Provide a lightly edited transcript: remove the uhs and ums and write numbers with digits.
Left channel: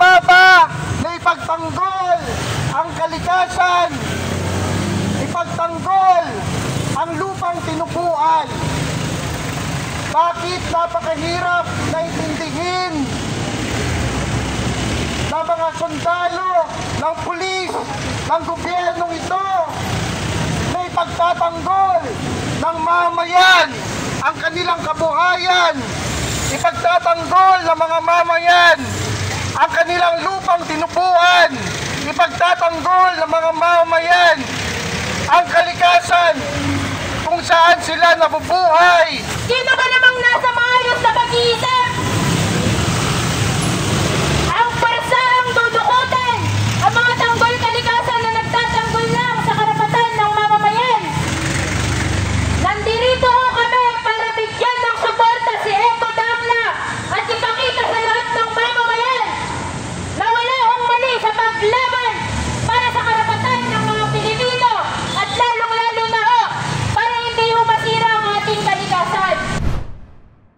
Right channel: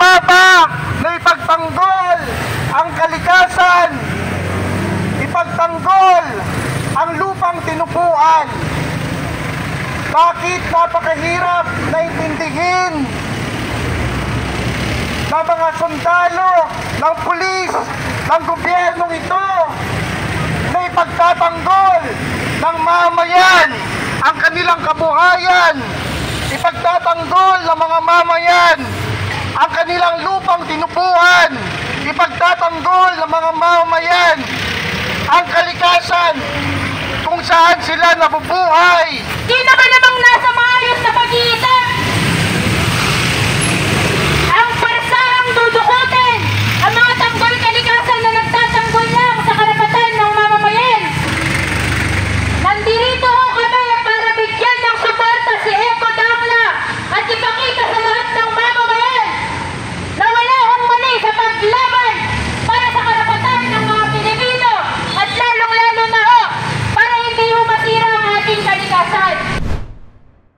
Tama ba na ipagtanggol ang kalikasan, ipagtanggol ang lupang tinupuan? Bakit napakahirap na intindihin ng mga sundalo, ng pulis, ng gobyernong ito na ipagtatanggol ng mamayan ang kanilang kabuhayan, ipagtatanggol ng mga mamayan ang kanilang lupang tinupuan, ipagtatanggol ng mga mamayan ang kalikasan kung saan sila nabubuhay. Di na ba namang nasa maayos na pagitan?